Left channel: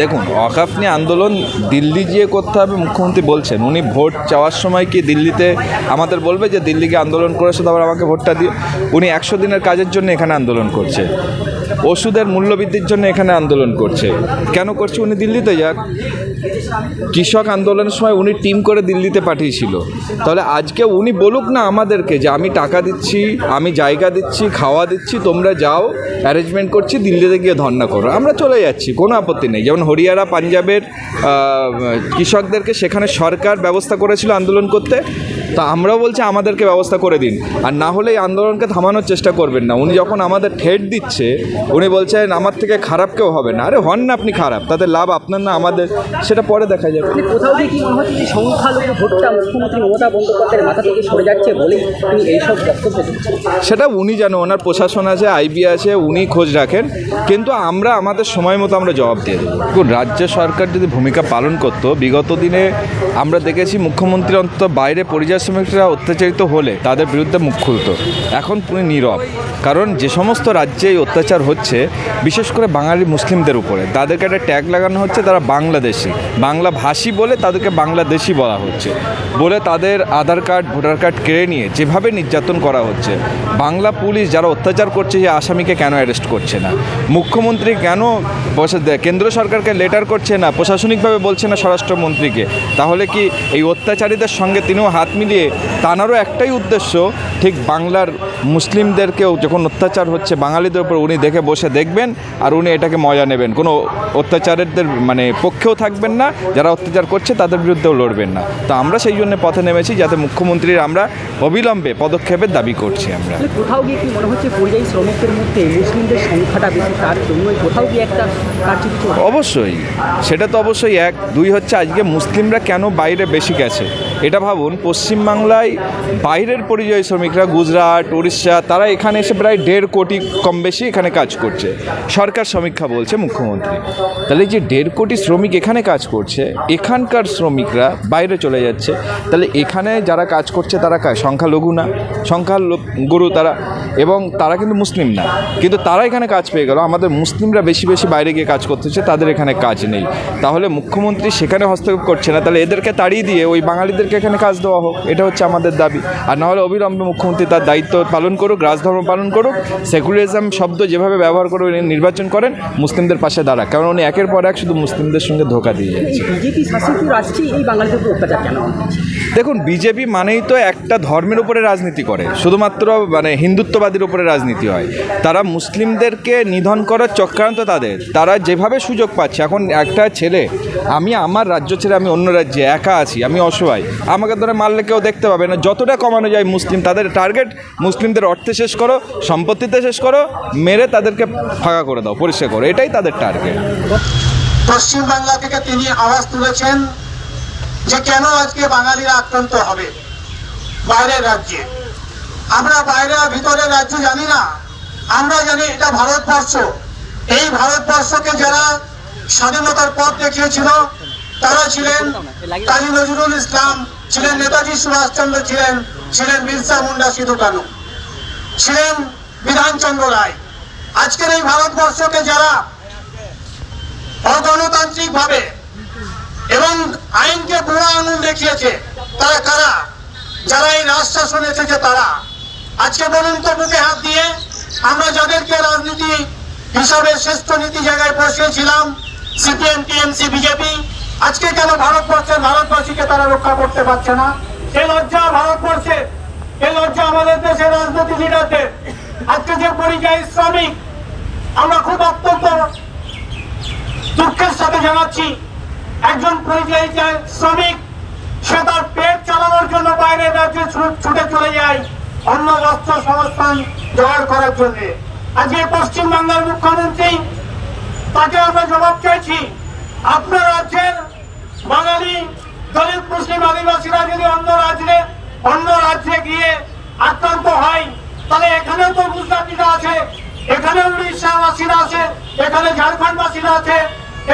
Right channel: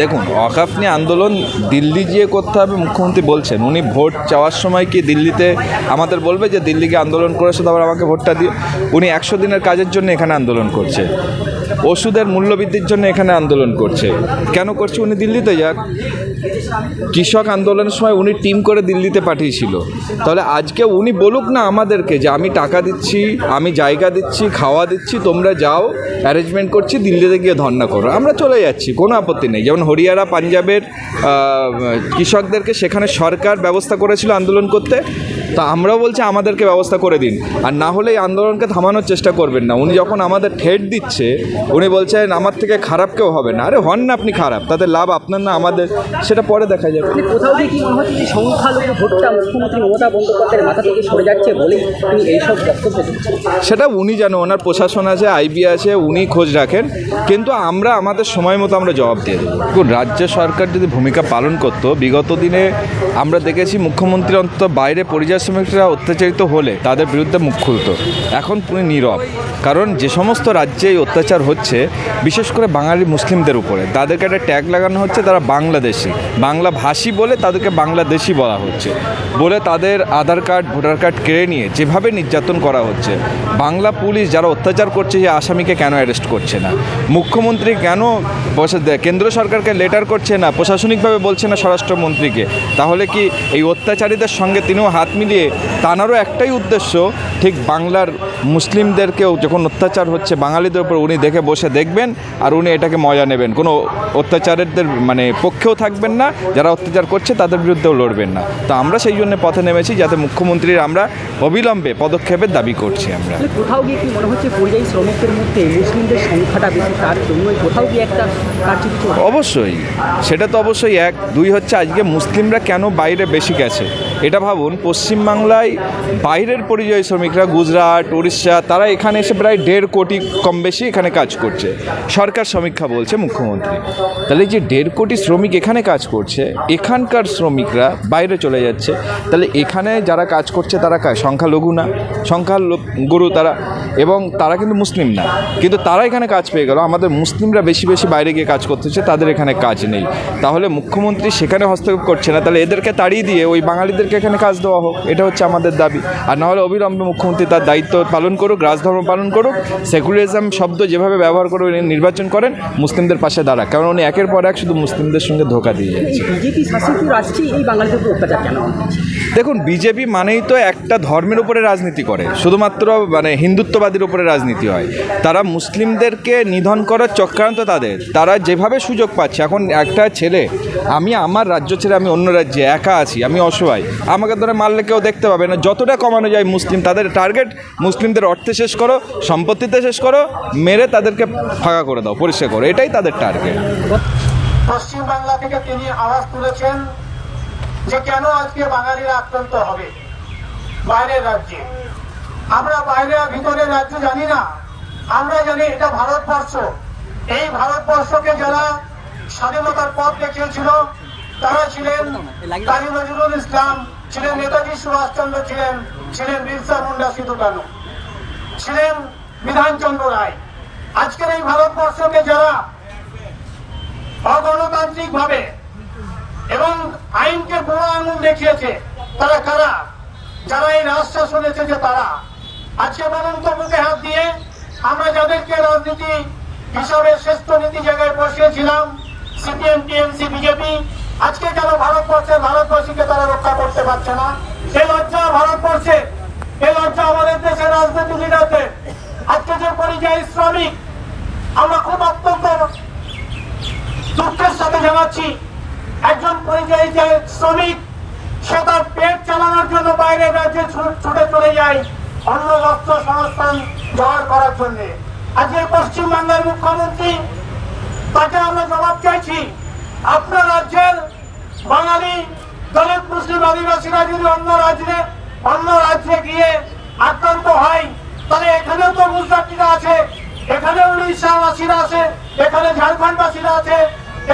দেখুন ওয়াকাফ নিয়ে আন্দোলন দিল্লি গিয়ে করতে হবে, মুখ্যমন্ত্রী বলছেন। উনি ভোট চাওয়ার সময় কি দিল্লিতে আমাদের বলবে যে দিল্লিকে আন্দোলন করেছে, তারপর আমাকে ভোটটা দিয়ে উনি একশো দিনের কাজের জন্য এখানে আন্দোলন করছে। ওষুধের মূল্যবৃদ্ধির জন্য এখানে আন্দোলন করছে। কেন করছে? উনি দিল্লিতে যাক কৃষক আন্দোলনের সময় উনি টিম করে দিল্লিতে পাঠিয়েছিল। তাহলে আজকে উনি বলুক না আমাদেরকে যে আমি টাকা দিচ্ছি, আমি জায়গা দিচ্ছি, খাওয়া দিচ্ছি, তোমরা যাও অ্যারেঞ্জমেন্ট করছি, দিল্লিতে গিয়ে ধর্না করো। আমরা চলে যাচ্ছি, কোনো আপত্তি নেই। যেমন হরিয়ানা, পাঞ্জাবের কৃষকদেরকে সেখানে সরকার ব্যবস্থা করেছিল আন্দোলন করতে, তা আমরাও বলছি আমাদেরকে ব্যবস্থা করে দিন। আর না হলে এই আন্দোলনকে থামানোর চেষ্টা করবেন না। উনি যখন আমাদের ঠেট দিচ্ছে, উনি বলছেন, আমার থেকে খারাপ কেউ হবে না। আরে হন না আপনি খারাপ, তাতে লাভ আপনার না, আমাদের। সেটা পরে দেখা যাবে। মানে কোথাও কি মনে হচ্ছে যে সংখ্যালঘু ভোটটা মুখ্যমন্ত্রী মমতা বন্দ্যোপাধ্যায়ের মাথা থেকে সরে যাচ্ছে বলেই তিনি এইসব বক্তব্য সেটা উনি জানো ওনার প্রশাসন আছে আইবি আছে উনি খোঁজ রাখেন। কিন্তু আমরা আমাদের সময় মতো আমরা জবাব দিয়ে দেবো। দেখুন, রাজ্য সরকার যদি ভূমিকা পালন করতো বিগত দিনে আমরা দেখেছি মুখ্যমন্ত্রী অন্তত বাইরে পরিযায়ী শ্রমিকরা অত্যাচারিত হলে তাদের বিরুদ্ধে মুখ খুলতো। এখন পুরো নীরব। কারণ যে সমস্ত রাজ্যে এই অত্যাচার হচ্ছে বিশেষ করে বাঙালি মুসলিমদের উপরে তাদেরকে একটা ট্যাগ লাগানো হচ্ছে তারা বাংলাদেশি বাংলা ভাষী বলে তাদেরকে বাংলাদেশি বলা হচ্ছে। বলে তাদের আধার কার্ড, ভোটার কার্ড কেড়ে নিয়ে যেভাবে নির্যাতন করা হচ্ছে, বাংলা পুলিশ যারা অত্যাচার করছে যে আসামিকে কেন অ্যারেস্ট করছে না? মুখ্যমন্ত্রী কেন কেন্দ্র সরকারকে লেটার করছে না, প্রশাসনিকভাবে বলছে না স্বরাষ্ট্রমন্ত্রীকে? তাহলে কি এই অত্যাচারীদের সঙ্গে তিনিও হাত মিলিয়ে তানারও একটাই উদ্দেশ্য, ঠিক বাংলার মুসলিমদেরকেও যখন অত্যাচার হচ্ছে বাঙালিদের উপর উনি দেখে বসে দেখবেন আর উনি এটাকে মজা নেবেন। কোনো অত্যাচারীদের মানে পক্ষেও থাকবেন না যারা অত্যাচার করছে তাদের বিরুদ্ধেও লড়বেন না। তো আমরা সেই জন্য পথে নেমেছি যাতে মুখ্যমন্ত্রীর আমরা অবিলম্বে পদক্ষেপের দাবি করছি আমরা। কোথাও গিয়ে কি মনে হচ্ছে পরিযায়ী শ্রমিকদের মধ্যে মুসলিমদের সংখ্যাটা বেশি তার জন্যই কোথাও গিয়ে একটা অবশ্যই সেটা তো অবশ্যই এক। দুই হচ্ছে আজকে মুসলিমরা কেন বাইরে বেশি গেছে? এটা ভাবুন পশ্চিমবাংলায় বাইরের পরিযায়ী শ্রমিকরা গুজরাট উড়িষ্যা তারা এখানে এসে প্রায় দেড় কোটি কম বেশি এখানে কাজ করছে। সরকার সমীক্ষা বলছে মুখ্যমন্ত্রী। তাহলে যে দেড় কোটি শ্রমিক এখানে কাজ করছে, এখানকার শ্রমিকরা বাইরে চলে যাচ্ছে, তাহলে এখানে যারা কাজ করছে তারা সংখ্যালঘু না? সংখ্যালঘু তারা এবং তারা কিন্তু মুসলিম না। কিন্তু তারা এখানে কাজ পেয়ে গেল। আমাদের মুসলিমরা বেশি বেশি বাইরে গিয়ে কাজ করতেছে তাদের এখানে কাজ নেই। তাহলে মুখ্যমন্ত্রী সেখানে হস্তক্ষেপ করছে না তাহলে এদেরকে তাড়িয়ে দিয়ে ওই বাঙালিদেরকে এখানে কাজ দেওয়া হোক এটা হচ্ছে আমাদের দাবি। আর নাহলে অবিলম্বে মুখ্যমন্ত্রী তার দায়িত্ব পালন করুক রাজধর্ম পালন করুক সেকুলারিজম শব্দ যেভাবে ব্যবহার করে উনি নির্বাচন করেন মুসলিমদের পাশে দাঁড়াক। কারণ উনি একের পর এক শুধু মুসলিমদের সঙ্গে ধোকা দিয়ে যাচ্ছে। দেখুন বিজেপি মানেই তো একটা ধর্মের উপরে রাজনীতি করে। শুধুমাত্র মানে হিন্দুত্ববাদীর উপরে রাজনীতি হয়। তারা মুসলিমদেরকে নিধন করার চক্রান্ত তাদের। তারা যেভাবে সুযোগ পাচ্ছে, এখন একটা ছেলে, আমি আমার রাজ্য ছেড়ে আমি অন্য রাজ্যে একা আছি, আমি অসহায়, আমাকে ধরে মারলে কেউ দেখতে পাবে না। যতটা কমানো যায় মুসলিম, তাদের টার্গেট মুসলিমদের অর্থে শেষ করো, সম্পত্তিতে শেষ করো, মেরে তাদেরকে ফাঁকা করে দাও, পরিষ্কার করো, এটাই তাদের টার্গেট পশ্চিমবাংলা থেকে তিনি আওয়াজ তুলেছেন যে কেন আজকে বাঙালিরা আক্রান্ত হবে বাইরের রাজ্যে। আমরা বাইরে আর ভিতরের রাজ্য জানি না। আমরা জানি এটা ভারতবর্ষ। এই ভারতবর্ষকে যারা স্বাধীনতার পথ দেখিয়েছিল, তারা ছিলেন কাজী নজরুল ইসলাম, ছিলেন নেতাজি সুভাষচন্দ্র ছিলেন ছিলেন বিরসা মুন্ডা সিধু কানু, ছিলেন বিধানচন্দ্র রায়। আজকের এই ভারতবর্ষকে যারা অগণতান্ত্রিক ভাবে এবং আইনকে বুড়া আঙুল দেখিয়েছে, তারা কারা? যারা এই রাজ শাসন এসেছে তারা। আজকে বলুন তো বুকে হাত দিয়ে, আমরা যাদেরকে রাজনীতি হিসাবে শ্রেষ্ঠ নীতি জায়গায় বসিয়েছিলাম, সিপিএম, টিএমসি, বিজেপি, আজকে কেন ভারতবর্ষের ভারতবাসীকে তারা রক্ষা করতে পারছে না? এ লজ্জা ভারতবর্ষে, এ লজ্জা আমাদের দেশের রাজনীতি লিডারদের। আজকে যে পরিযায়ী শ্রমিক, আমরা খুব অত্যন্ত দুঃখের সাথে জানাচ্ছি, একজন পরিযায়ী শ্রমিক, সে তার পেট চালানোর জন্য বাইরের রাজ্যে ছুটে চলে যায়। অন্য বস্ত্র সংস্থান জোগাড় করার জন্য। আজকে পশ্চিম বাংলার মুখ্যমন্ত্রী, তাকে আমরা জবাব চাইছি, আপনার রাজ্যের বাঙালি দলিত মুসলিম আদিবাসীরা যদি অন্য রাজ্যে অন্য রাজ্যে গিয়ে আক্রান্ত হয়, তাহলে এখানেও তো গুজরাটিরা আছে, এখানে উড়িষ্যাবাসীরা আছে, এখানে ঝাড়খণ্ডবাসীরা আছে,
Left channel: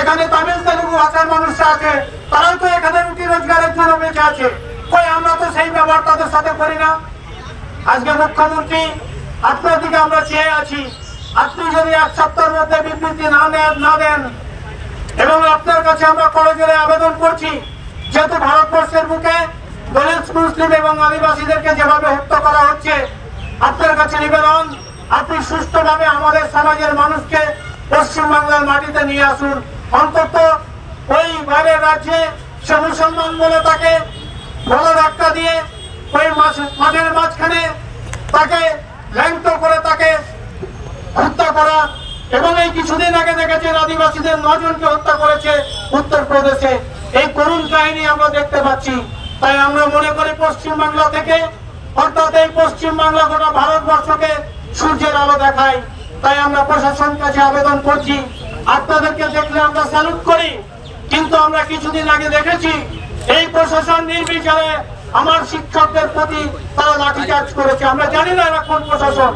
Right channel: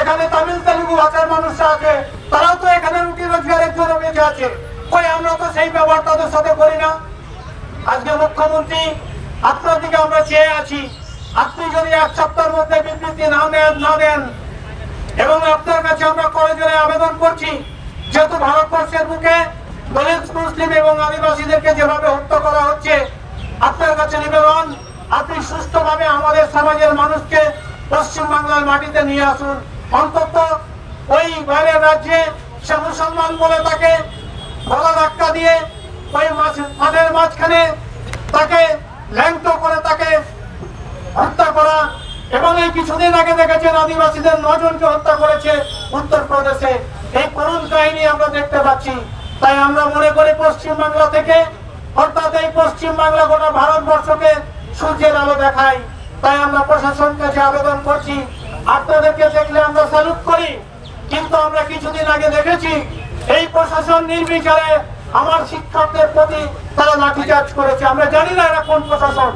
এখানে তামিল তেলুগু ভাষার মানুষরা আছে, তারাও তো এখানে রুটি রোজগারের জন্য বেঁচে আছে। কই, আমরা তো সেই ব্যবহার তাদের সাথে করি না? আজকে মুখ্যমন্ত্রী, আপনার দিকে আমরা চেয়ে আছি। আপনি যদি এক সপ্তাহের মধ্যে বিবৃতি না নেন, না দেন, এবং আপনার কাছে আমরা করজোরে আবেদন করছি, যেহেতু ভারতবর্ষের বুকে দলিত মুসলিম এবং আদিবাসীদেরকে যেভাবে হত্যা করা হচ্ছে, আপনার কাছে নিবেদন, আপনি সুস্থভাবে আমাদের সমাজের মানুষকে পশ্চিমবাংলার মাটিতে নিয়ে আসুন। অন্তত ওই বাইরের রাজ্যে সে মুসলমান বলে তাকে গলা ধাক্কা দিয়ে মাঠের মাঝখানে তাকে ল্যাংটো করে তাকে হত্যা করা এবং এই কিছুদিন আগে দেখেছেন আদিবাসীদের নজনকে হত্যা করেছে উত্তরপ্রদেশে। এই করুণ কাহিনী আমরা দেখতে পাচ্ছি। তাই আমরা মনে করি পশ্চিম বাংলা থেকে, অর্থাৎ এই পশ্চিম বাংলা গোটা ভারতবর্ষকে সূর্যের আলো দেখায়। তাই আমরা প্রশাসন কাছে আবেদন করছি। আপনাদেরকে দেখলে আমরা স্যালুট করি। কিন্তু আমরা কিছুদিন আগে দেখেছি, এই প্রশাসন নির্বিচারে আমার শিক্ষকদের প্রতি তারা লাঠিচার্জ করেছে। আমরা জানি না এরা কোন প্রশাসন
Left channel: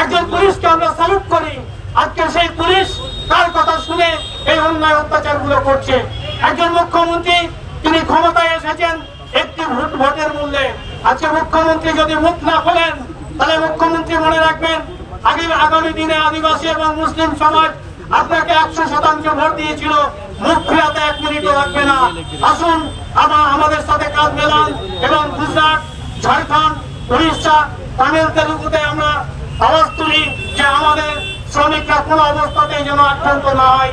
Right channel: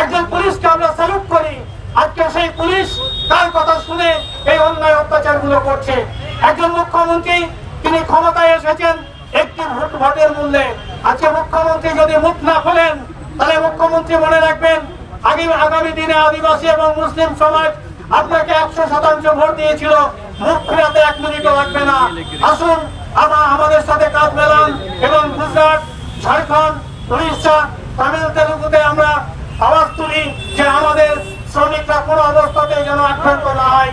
একজন পুলিশকে আমরা স্যালুট করি। আজকে সেই পুলিশ তার কথা শুনে এই অন্যায় অত্যাচারগুলো করছে। একজন মুখ্যমন্ত্রী, তিনি ক্ষমতায় এসেছেন একটি ভোট ভোটের মূল্যে। আজকে মুখ্যমন্ত্রী যদি মুখ না খোলেন, তাহলে মুখ্যমন্ত্রী মনে রাখবেন, আগে আগামী দিনে আদিবাসী এবং মুসলিম সমাজ আপনাকে একশো শতাংশ ভোট দিয়েছিল। মুখ ফিরাতে এক মিনিটও লাগবে না। আসুন আবার আমাদের সাথে কাজ মেলান এবং গুজরাট, ঝাড়খণ্ড, উড়িষ্যা, তামিল, তেলুগুতে আমরা আওয়াজ তুলি যে আমাদের শ্রমিকরা কোনো অবস্থাতেই যেন আক্রান্ত না হয়।